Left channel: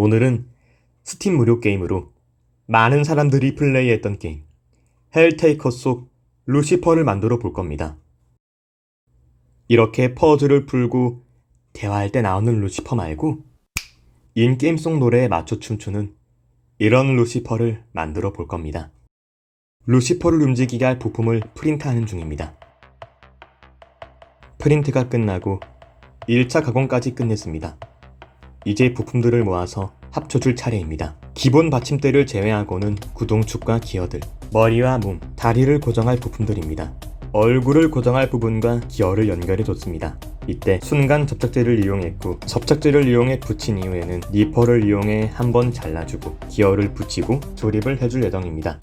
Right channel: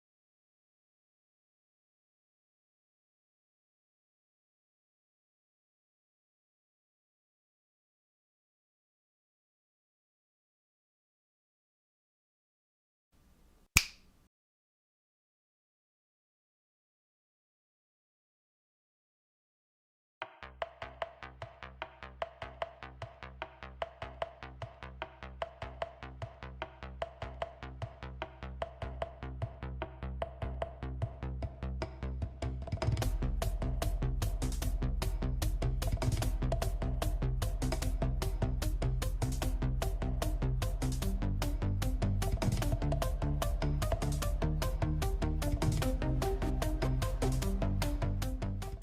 오늘은 스팀 무료 게임으로 많은 사람들이 플레이했던 게임 헬테이커 속 루시퍼를 만들어 볼 겁니다. 이렇게 퍼즐을 풀고 대화할 때 나오는 루시퍼 말고 인게임 속 노래에 맞춰 춤추는 이런 루시퍼를 만들어 볼 겁니다. 루시퍼를 움직이게 할 부품을 프린트하는 중입니다. 프린트가 끝나고 1차 가공까지 끝냈습니다. 이제 부품들을 모아서 합쳐줄 차례입니다. 기본 받침대를 제외하고는 구동축과 기어들, 머리와 몸, 다리를 고정할 부품들입니다. 얼굴을 고정할 부분과 기어를 연결해줬습니다. 이때 순간 접착제를 이용했고 접착제를 이용해 붙인 이후에는 니퍼를 이용해 한번 잘라주고 기어를 붙이고 조립을 해줄 예정입니다.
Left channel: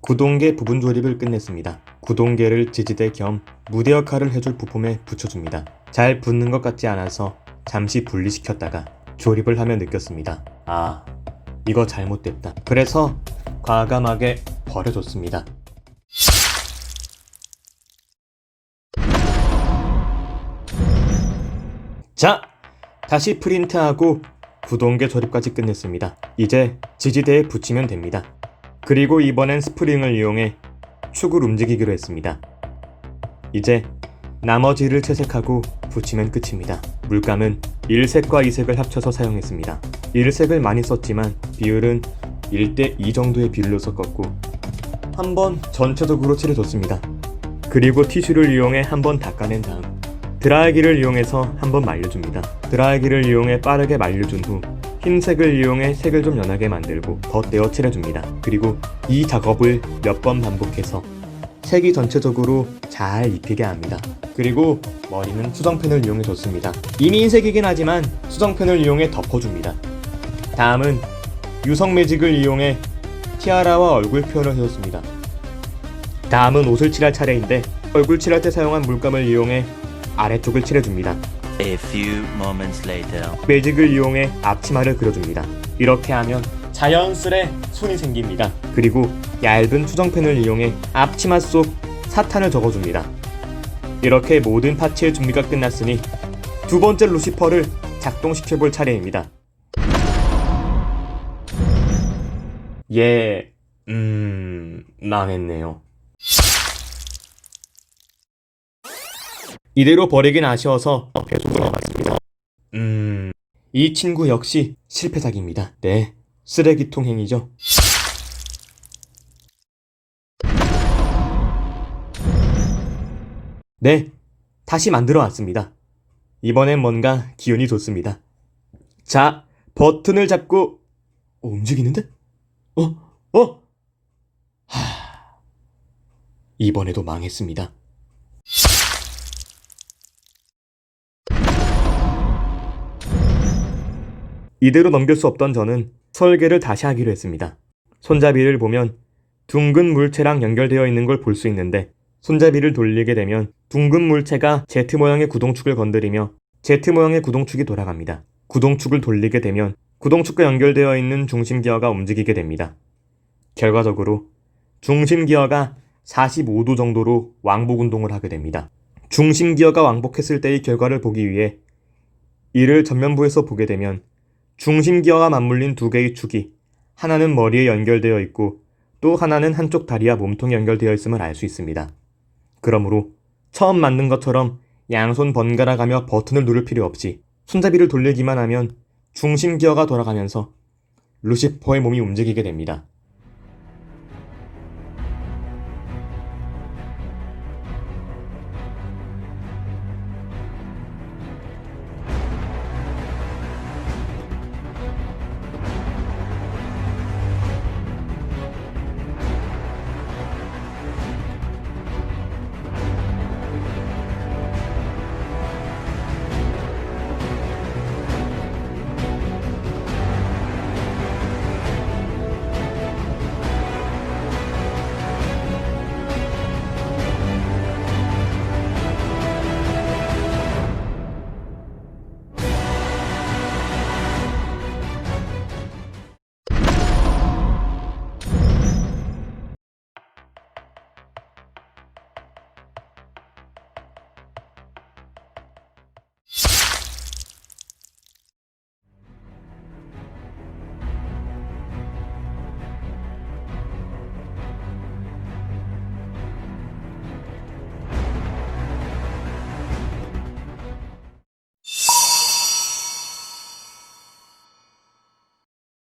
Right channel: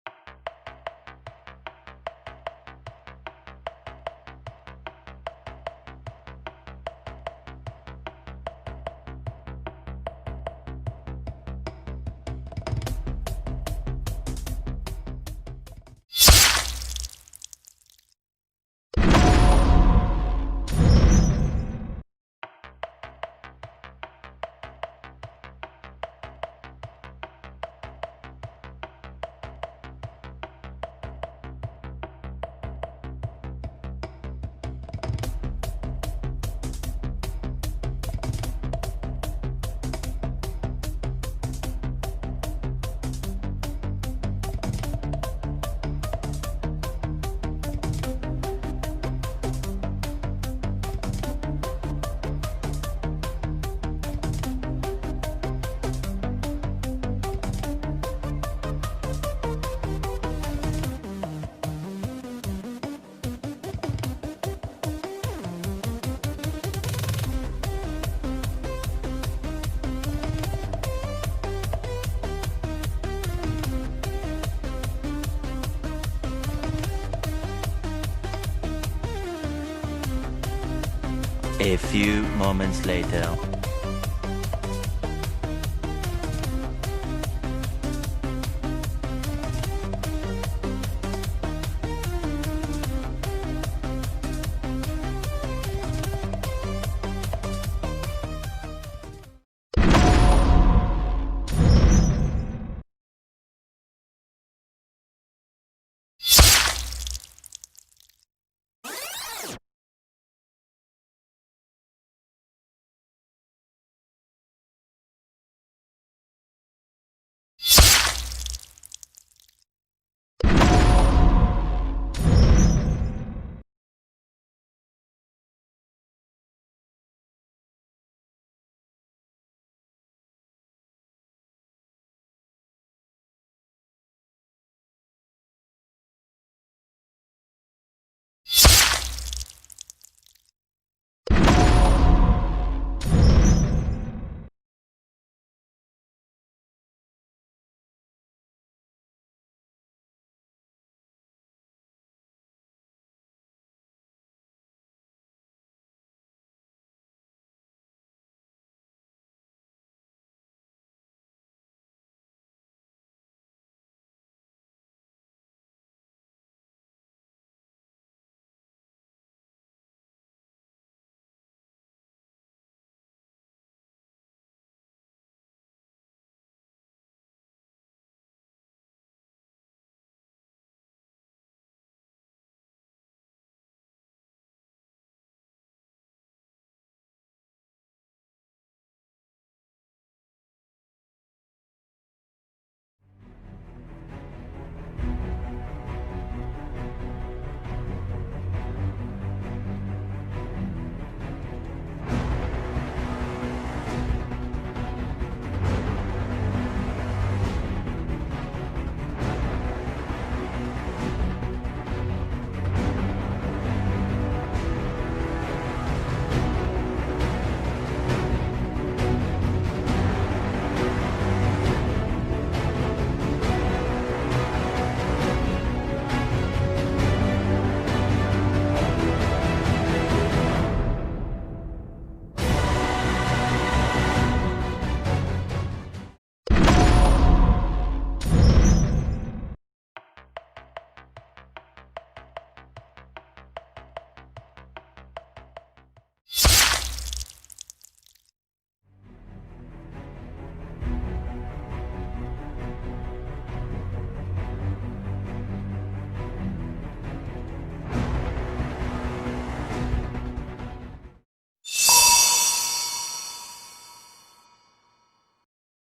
구동계 부분 조립을 끝냈습니다. 구동계를 지지대 겸 무대 역할을 해줄 부품에 붙여줍니다. 잘 붙는 것 같지 않아서 잠시 분리시켰다가 조립을 하며 느꼈습니다. 아, 이거 잘못됐다. 그래서 과감하게 버려줬습니다. 자, 다시 프린트하고 구동계 조립까지 끝냈습니다. 이제 지지대에 붙이면 됩니다. 그리고 이번엔 스프링을 이용해 축을 움직이기로 했습니다. 이제 나머지를 채색하고 붙이면 끝입니다. 물감은 1색과 2색을 합쳐서 사용했습니다. 1색을 많이 썼지만 비율은 1대2 정도의 비율로 섞었고 한 번 전체적으로 칠해줬습니다. 그리고 티슈를 이용해 한 번 닦아낸 다음 드라이기를 이용해서 한 번 말려줍니다. 드라이기를 이용해 빠르게 말려준 후 흰색을 이용해 색을 좀 연하게 만들고 덧대어 칠해줍니다. 그리고 이 작업을 몇 번 반복해서 색이 전체적으로 잘 입히게 합니다. 그리고 머리는 수정펜을 이용해 줬습니다. 이미 흰색이긴 하지만 수정펜을 이용해 덮어줍니다. 다음은 유성 매직을 이용해 티아라와 얼굴 표현을 해줬습니다. 다음은 옷을 칠할 차례인데 얼굴 칠할 때 사용한 물감을 이용해 아래쪽을 칠해줍니다. A few moments later. 매직을 이용해 앞치마를 그려줍니다. 이렇게 하면 자연스레 손이 생깁니다. 그리고 얇은 수정펜을 이용해 앞치마 속 사탄을 적어줍니다. 이렇게 모든 파츠의 준비가 끝났으니 두 번째 루시퍼를 작동시켜볼 차례입니다. 예, 음, 망했네요. 이대로 버리긴 아쉬워서 계속 돌아갔습니다. 음, 이 친구 역시 실패작입니다. 네, 쓰레기통 행위죠. 네, 다시 만들어 왔습니다. 이번엔 뭔가 기운이 좋습니다. 자, 버튼을 잡고 어, 움직이는데? 어, 어? 하... 이번에도 망했습니다. 이대로 넘길 수 없던 저는 설계를 다시 하기로 했습니다. 손잡이를 보면 둥근 물체랑 연결되어 있는 걸 볼 수 있는데 손잡이를 돌리게 되면 둥근 물체가 Z 모양의 구동축을 건드리며 Z 모양의 구동축이 돌아갑니다. 구동축을 돌리게 되면 구동축과 연결되어 있는 중심 기어가 움직이게 됩니다. 결과적으로 중심 기어가 45도 정도로 왕복 운동을 하게 됩니다. 중심 기어가 왕복했을 때의 결과를 보기 위해 이를 전면부에서 보게 되면 중심 기어와 맞물린 두 개의 축이 하나는 머리에 연결되어 있고 또 하나는 한쪽 다리와 몸통에 연결되어 있음을 알 수 있습니다. 그러므로 처음 만든 것처럼 양손 번갈아 가며 버튼을 누를 필요 없이 손잡이를 돌리기만 하면 중심 기어가 돌아가면서 루시퍼의 몸이 움직이게 됩니다.